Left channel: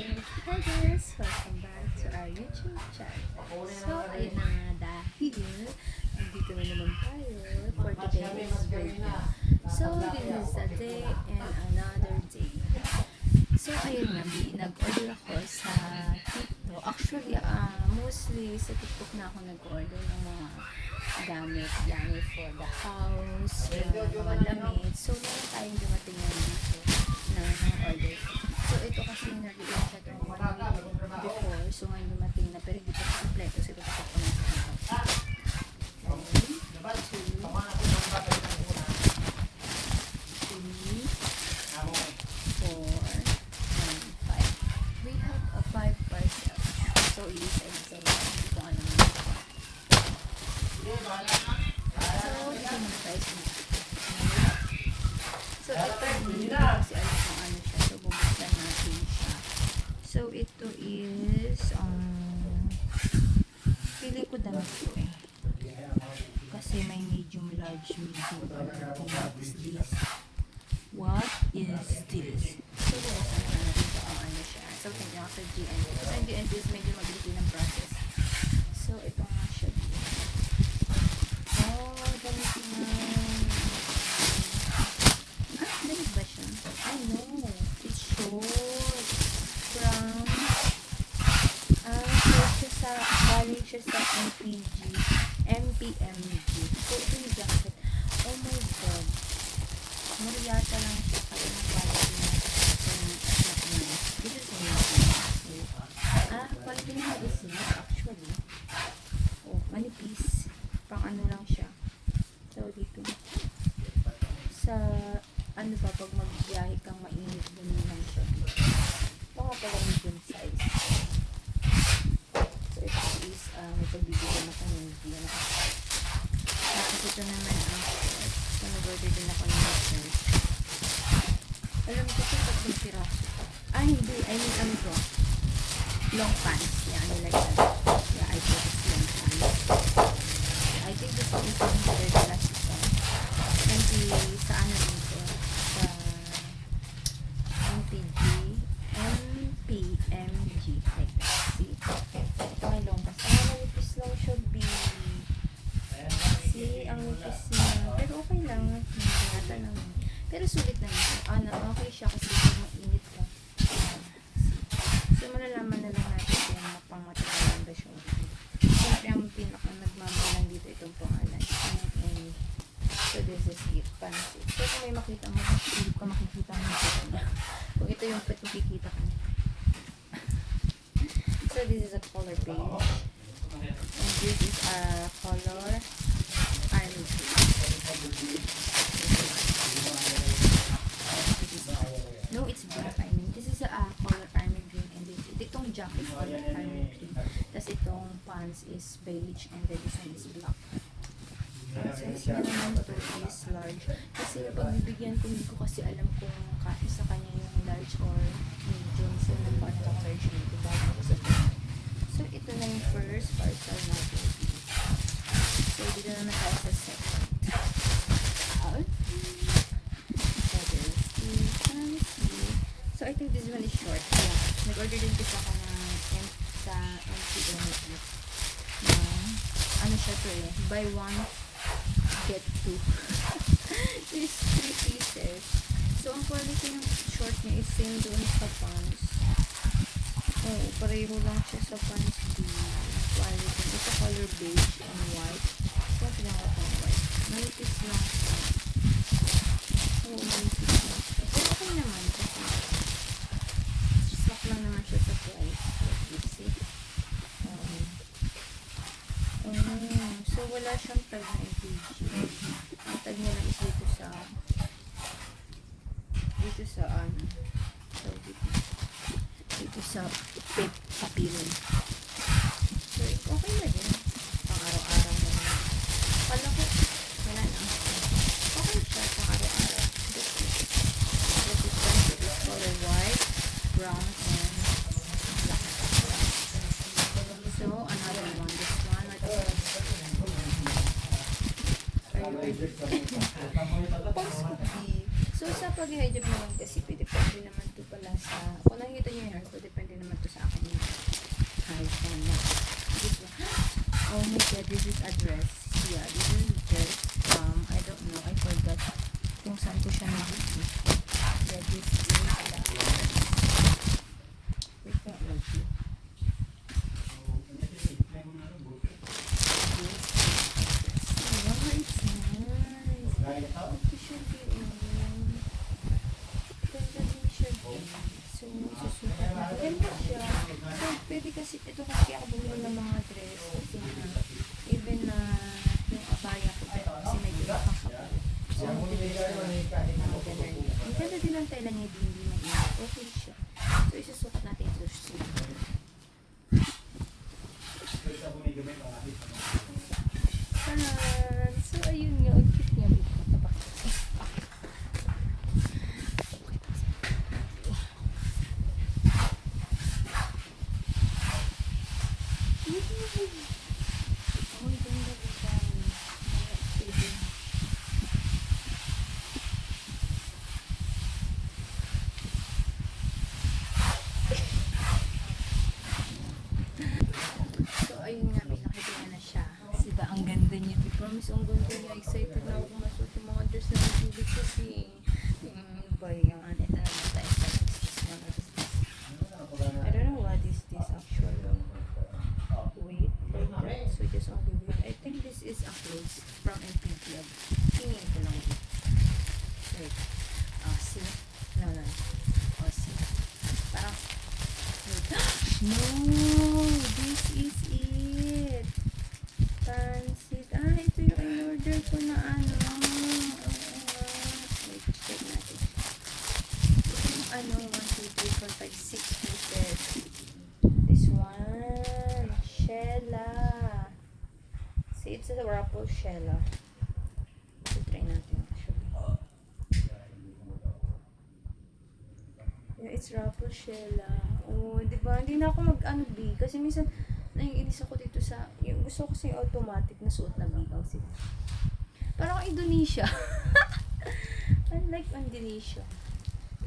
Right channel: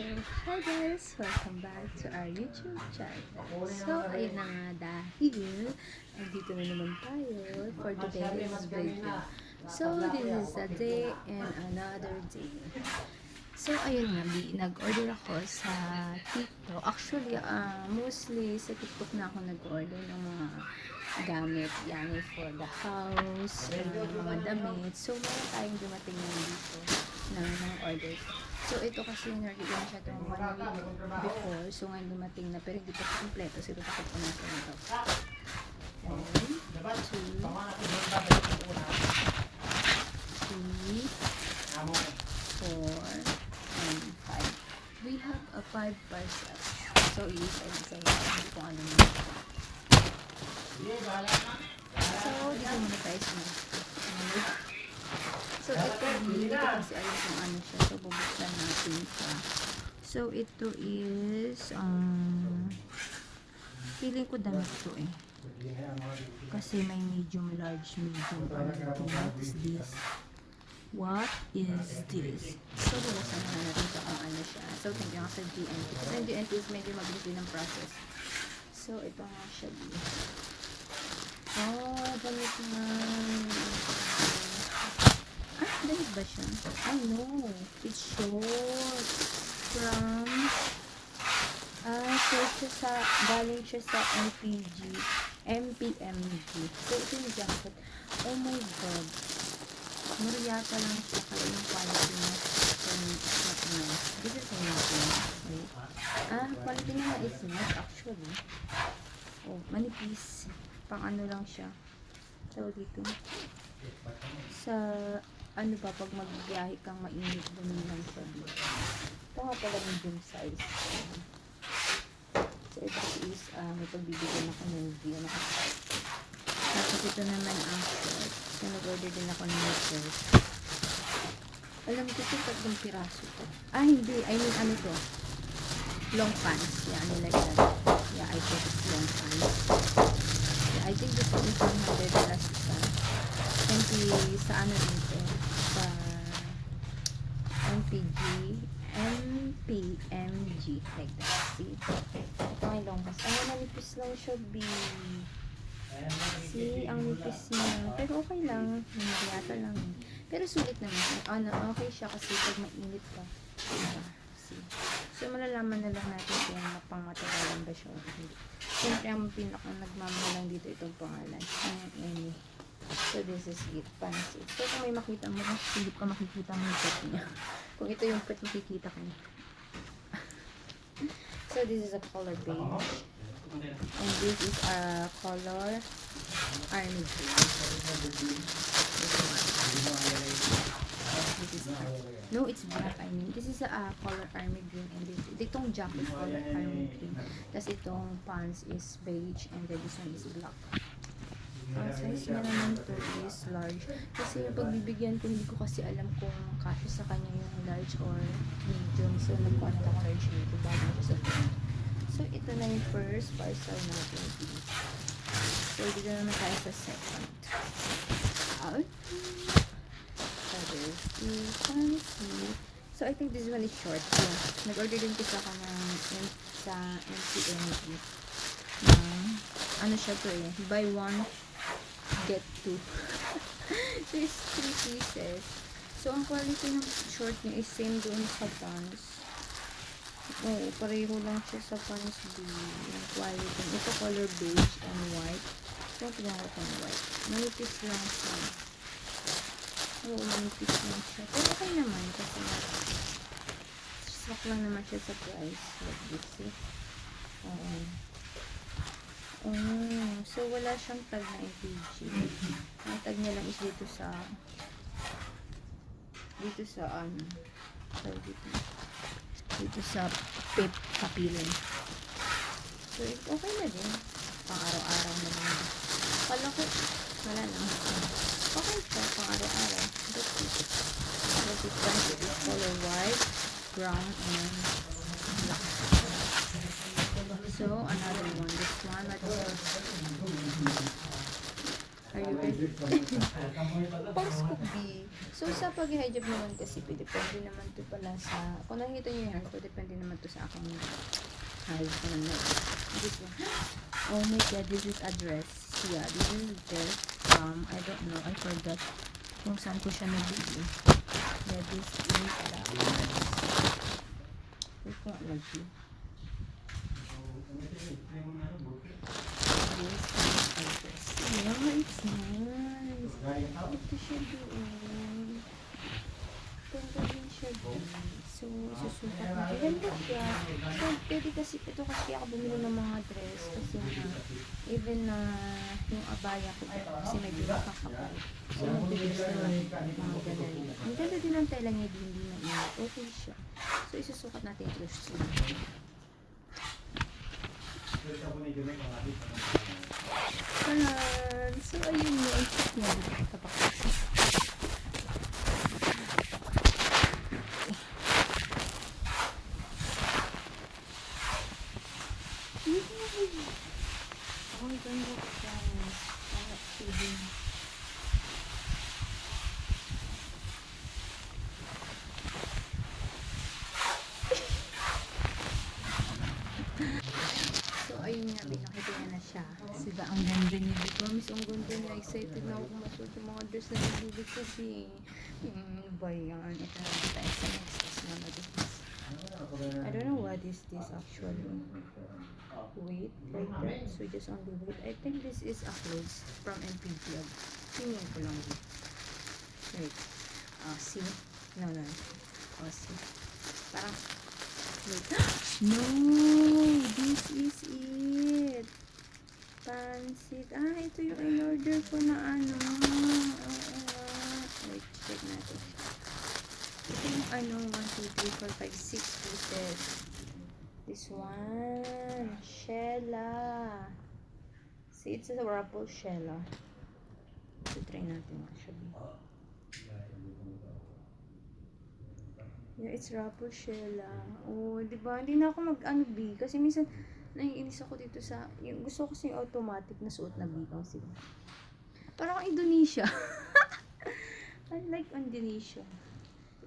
So, hi guys! Welcome back to our YouTube channel. So, ayun na nga dahil nandito na naman tayo for today's video. So, this is a day and another day. So, ayun nga, nag-order ako sa TikTok. Actually, mostly sa TikTok na ako nag-order ng mga gamit for the house, mga damit. So, meron tayong dumating na dito na order ko. So, ito kasi nag-iwan siya itong 1 week before. So, ngayon dumating na. Pero hindi pa kompleto. So, ito takot ko na siya nito. 1, 2, 3, 4, and 5. We have a 5 parcels. So, isa-isa lang kung ano mo. So, dito muna tayo sa So, ito hindi kasi alam kung ano siya. So, bubuksan natin siya. So, ito is pili ko damit to eh. Kasi may medium, large, medium. What is this? What is this? So, bubuksan na natin kung ano siya. So, hindi ako sa DNT. Kasi ang DNT is medyo mabilis din ang process. So, ito nga siya dito. Oh, damit na. Damit ba siya? I know. It's short. From, short siya sa, galing siya sa MPMG. So, ito yung jacket. Oh my God. Mariyata lang siya sa yung quality na. This is amazing. Quality na is nice actually. Oh, manipis. Pang ano lang siya. So, dito. Sa ano ba, pag magbiyahe kang mainit, dumi lang siya dito. Ito nga pala medium size. So, ito is, may pagbibigyan ako ng video na kasi. Tapos ito naman ang shirt. So, nag-order din ako ng shirt. Alam ko ito, tatlong piraso ko. Hindi. I mean, ano to? Long pants. Yeah, ano like that. Yeah, I think it's long pants. Yeah, I think this one is $100 isa. 20 sa ano dito. Sa MPMG like that. See? Ito ay long pass. Manipis lang siya, B. See? Ang nipis niya. Pero okay lang. Nangyata lang. Pero sulit naman siya. Okay siya kasi pag mainit ka. See? So, malalaman na lang natin kung pang matagalan ba siya. Siyempre, ang pinaka nagmamahalang dito itong pangalan. So, this is it. Pansit. So, kung may makita mo, hindi ka makikita mo yung pet niya. Kung ito yung pet, makikita ko niya. So, this is a color beige. And this is a color army green. No, it's black, I mean. This is a color army green. And itong jacket is color army green. Tapos itong pants is beige. And then this one is black. Ang size na naman ito is large. Kasi pag bibigyan ko, hindi ko kasi alam kung kasi sa kanya yung large or medium. So, nagpaano ako large nito bago ko sa ito. So, ito na yung first parcel natin. So, dito naman tayo sa second. So, there's the fancy. So, I think this one is short. Yeah. Nag-order din kasi ako sa MCMG. Ano siya to eh. Buy one, get 2. There's 3 pieces. So, ang quality ng short niya is same doon sa pants. Oo, pareho lang siya sa pants B. Yung quality. Ito color beige and white. So, ito lang ako ng white. Manipis lang siya. Oo, manipis lang siya. Pero okay naman kasi swak lang naman siya sa price. Like this, see? So wala siyang tag na MPG. Ang tag niya lang is dito sa ano. So dito sa pit papirin. So okay na din. Pang araw-araw na naman. Kala ko wala lang. Okay siya pang araw-araw. That's it. It is color white, brown, and black. So another one. This one, are you Pause ko, B. So, sa pag-hijab naman kasi, depende naman to pala sa, kung nakikita niyo yung hair ko, depende naman to sa akin yung hair ko na. This one. Oh my god, this is a dress. Yeah, this is dress. I don't know, I forgot kung saan ko siya nabili. Yeah, this is that. Wait ko nga lang siya. Wow, it's nice. Ito siya doon. Ganda din siya doon. So, susukat na. Ganda siya. So, pwede kasi, ito kasi ako bumili ng mga dress. Kasi even na yung abaya ko, kasi medyo nakakapal. So, mabilis na mga ganun. Ang ganda din ang tela niya, hindi mainit. Okay siya. So, isusukat natin ito sa Tanan. So, ayun mo. Ay, check niya. Oh, ganda ko siya. So, ayun nga. Pinakita na siya. Sila ang ganda niya. Promise, ang ganda niya. Excited na ako kung masuot yung mga dress na nabili ko. Bayan. Ito nga kita. I don't know what is this actually. Wait for that. So just only wait. I think this is a clothes from NPVL. Tingin ko lang dito. Wait. See? No. See? Parang, wait. No! This is it. Pansit. Ito yung in-order ko na ano. Wait, check natin. Ito yung 1, 2, 3, 4, 5, 6 pieces. This one. Shella. See, it's a Ruffle Shella. So, try natin actually. Yeah, it's Ruffle Shella. Oh, diba? Hindi na ako mag-ano B. Kasi minsan, naiinis ako dito sa, yung gusto ko kasi automatic na suot na B. Kasi, parang Indonesia. I like Indonesia.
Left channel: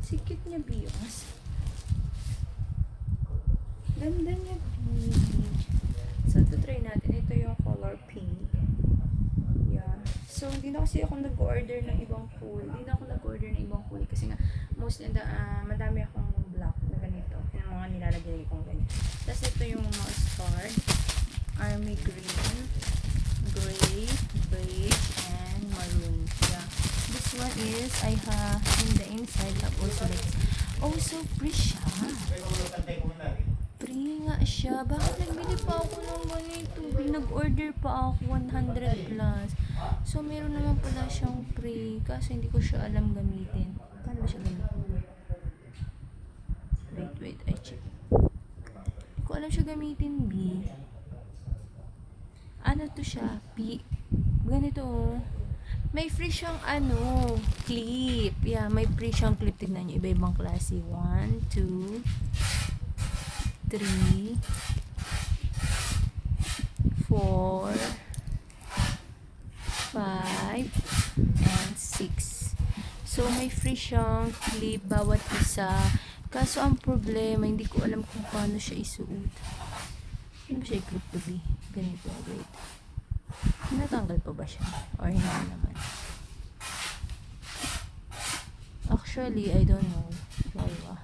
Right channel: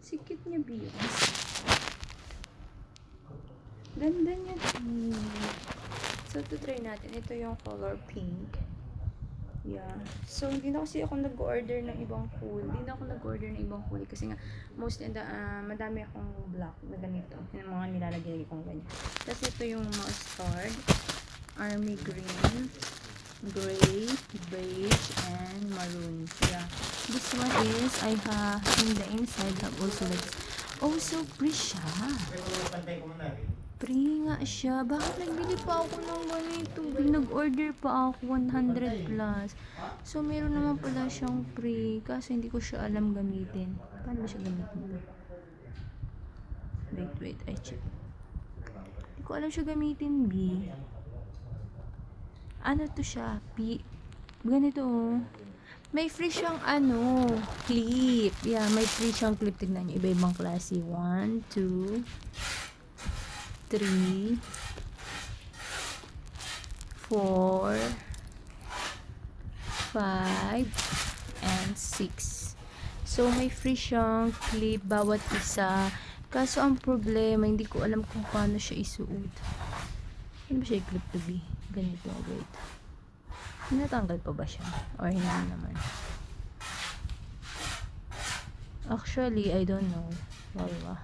Sikit niya B. Ganda niya B. So, to try natin. Ito yung color pink. Yeah. So, hindi na kasi ako nag-order ng ibang kulay. Hindi na ako nag-order ng ibang kulay. Kasi nga, madami akong black na ganito. Yung mga nilalagay kong ganito. Tapos, ito yung mustard, army green, gray, beige, and maroon. Yeah. This one is, I have, in the inside, have also like, oh, so pretty siya. Free nga siya. Bakit nagbili pa ako ng ganito? Nag-order pa ako 100 plus. So, meron naman pala siyang free. Kasi hindi ko siya alam gamitin. Paano ba siya gamitin? Wait. I check. Hindi ko alam siya gamitin, B. Ano to siya? Ganito, oh. May free siyang clip. Yeah, may free siyang clip. Tignan niyo. Iba-ibang klase. 1, 2, 3, 4, 5, and 6. So, may free siyang clip bawat isa. Kaso, ang problema, hindi ko alam kung paano siya isuot. Ano ba siya clip to be? Ganito, wait. Natanggal pa ba siya? Or hindi naman? Actually, I don't know. Wala.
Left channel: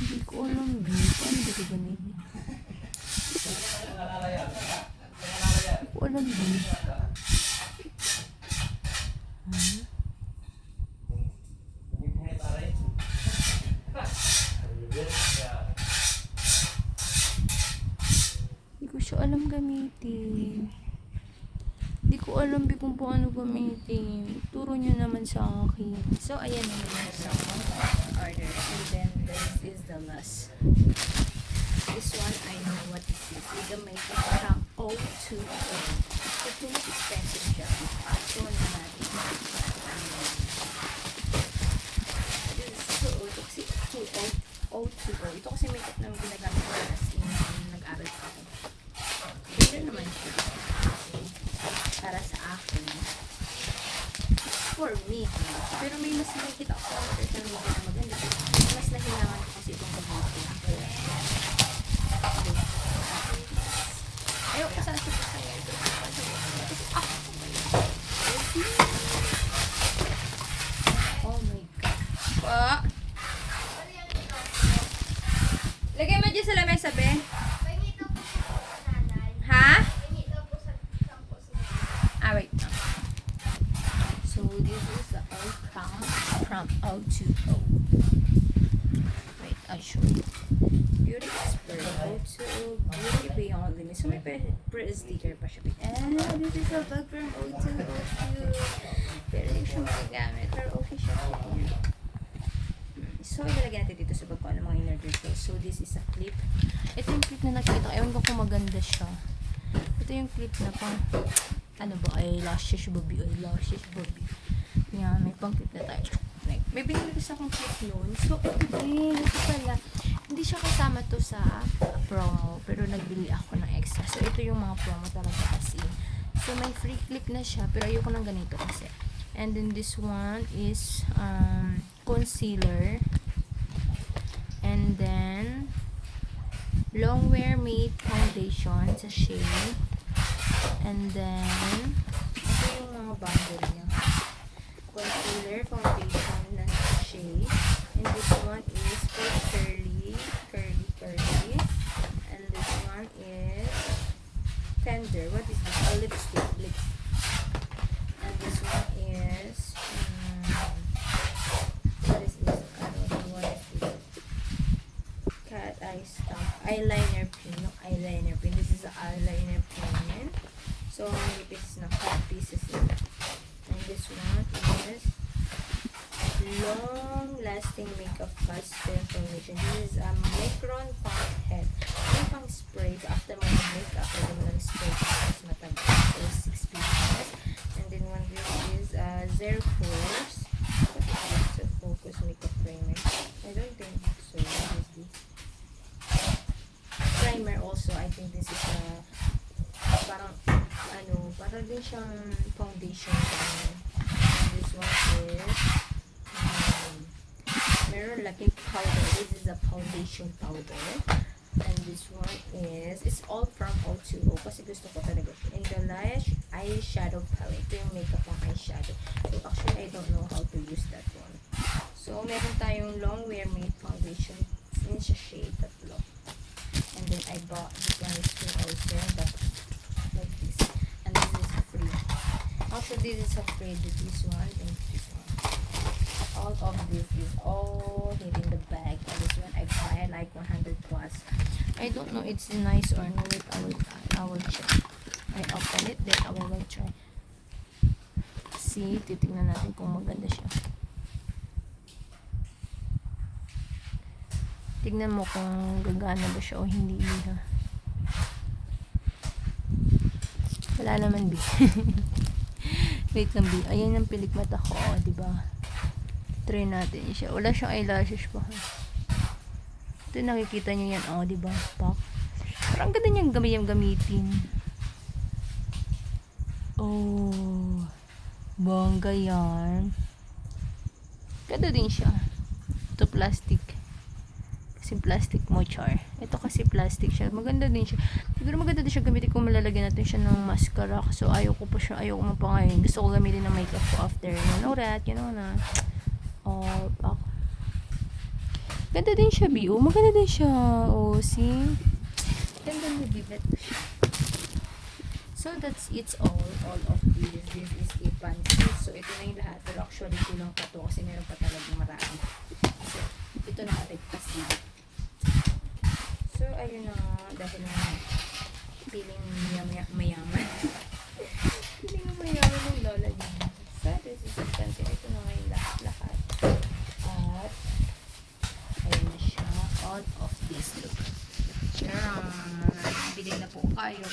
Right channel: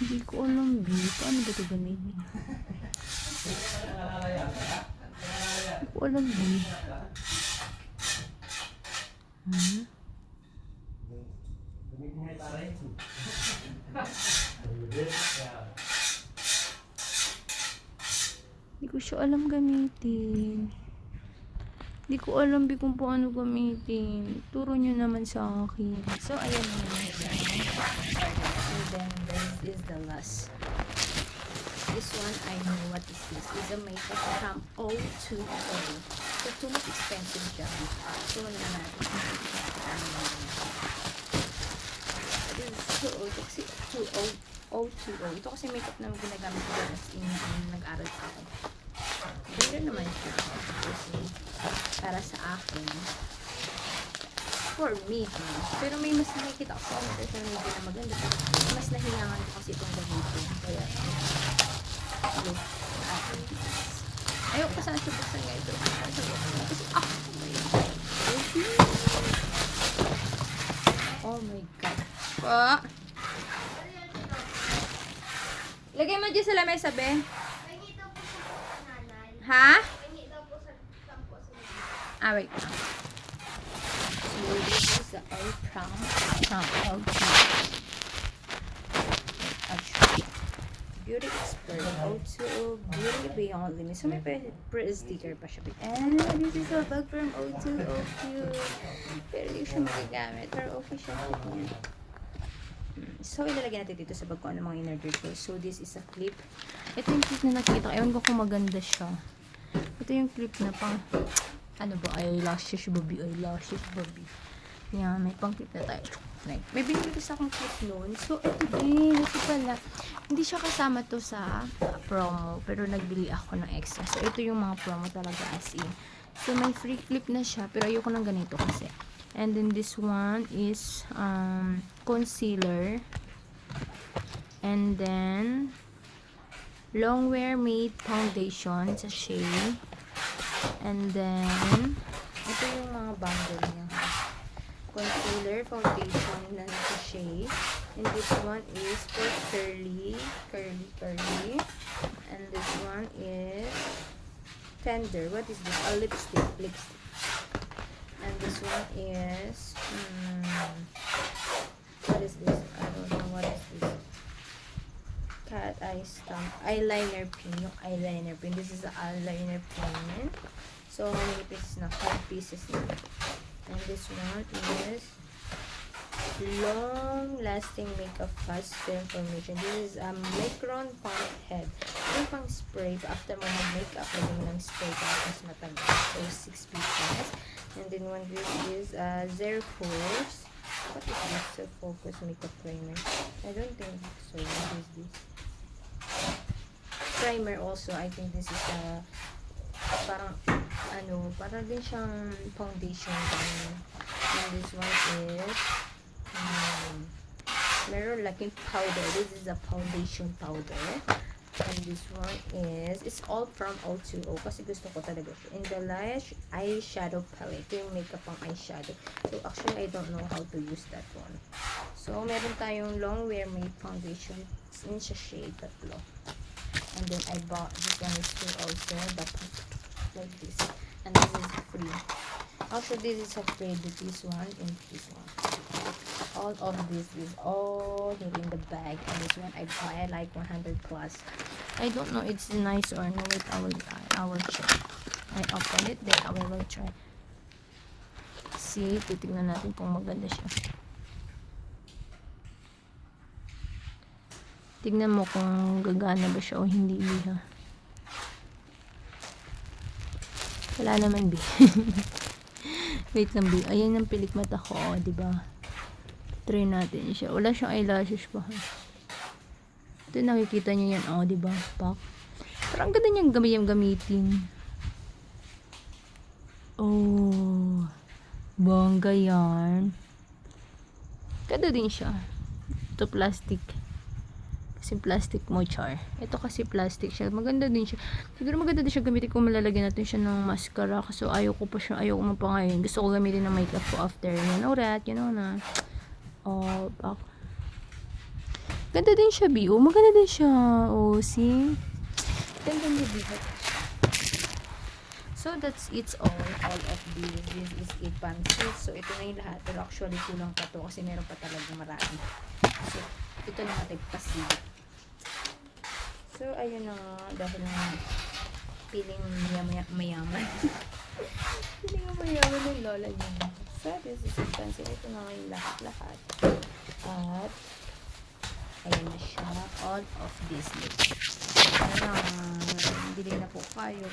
Hindi ko alam, B. Paano ba ito ganun? Hindi ko alam, B. Hindi ko siya alam gamitin. Hindi ko alam kung paano gamitin. Turo nyo naman sa akin. So, ayan na naman siya. And then, this is the last. This one, I know what this is. It's a makeup from O2O. So, too much expensive siya. So, ano natin. This is so old. Kasi O2O. Ito kasi makeup na ginagamit ko na nag-aral pa ako. Ganda naman siya. para sa akin. For me, pero may mas nakikita ko sa social media na maganda. Mas nahilangan ko kasi itong gamitin. Kaya, ayoko sa super sa live. Oh my God. Pa. Lagay mo dyan sa lamesa, be. Ha? Ah, wait. So, this is the old from O2. Actually, Beauty Expert, O2, Beauty Beyond Limits. So, may pre-sticker pa siya. And this is a bag from O2, O2. Pero yung siya magagamit. Pero okay siya. So, ilalagay natin dito sa bag ko ano mga in-order ko. So, this is a clip. Ito yung clip na nakikita ko. Ewan ko kung maganda siya. Ito yung clip na pang, ano ba, eyelashes, baby, eyelashes, baby. Yan, may pang clip na tayo. May binili ko sa akong clip noon. So, ito din. Ito pala. Hindi siya kasama to sa promo. Pero nagbili ako ng extra. So, ito yung mga promo talaga as in. So, may free clip na siya. Pero ayoko ng ganito kasi. And then, this one is, concealer. And then, Longwear Matte Foundation sa shade. And then, ito yung mga bundle niya. Concealer, foundation na sa shade. And this one is for curly. And this one is tender. What is this? A lipstick. And this one is, what is this? I don't know what is this. Cat eye stamp. Eyeliner pin. Yung eyeliner pin. This is the eyeliner pin. So, how many pieces na? 5 pieces na. And this one is long-lasting makeup fast information. This is a Micron Pump Head. Yung pang spray. After mo mag-makeup, lagyan mo ng spray. Tapos matagal. So, 6 pieces. And then one this is Zero Focus. What is this? Zero Focus makeup primer. I don't think so. What is this? Primer also. I think this is parang parang din siyang foundation. And this one is meron laking powder. This is a foundation powder. And this one is, it's all from O2O kasi gusto ko talaga. In the Lash eyeshadow palette. Ito yung makeup pang eyeshadow. So actually I don't know how to use that one. So meron tayong Longwear Matte Foundation. It's in siya shade tatlo. And then I bought this one is free also, but like this. And this is free. Also this is a free, this one and this one. All of this is all here in the bag. And this one I buy like 100 plus. I don't know it's nice or no. Wait, I will try. I open it, then I will try. See, titignan natin kung maganda siya. Tignan mo kung gagana ba siya o hindi, ha. Wala naman, B. Wait lang, B. Ayan ang pilik mata ko, diba? Try natin siya. Wala siyang eyelashes pa. Ito nakikita niyo yan. Diba? Pak. Parang ganda niyang gamitin. Bongga yan. Ganda din siya. Ito plastic. Kasi plastic mo, char. Ito kasi plastic siya. Maganda din siya. Siguro maganda din siya gamitin kung malalagyan natin siya ng mascara. Kasi ayoko mo pa ngayon. Gusto ko gamitin ng makeup ko after. Urat, na. Pak. Ganda din siya, B. Maganda din siya. See? Ganda niya, B. So, that's it's all of this. This is a pantsuit. So, ito na yung lahat. Pero actually, kulang pa to kasi meron pa talagang marami. So, ito na kapagpasilip. So, ayun na nga. Dahil nga, feeling mayaman. Feeling mayaman ng lola niya. So, this is expensive. Ito na nga yung lahat. At, ayun na siya. All of this. Ayun na, bili na po kayo.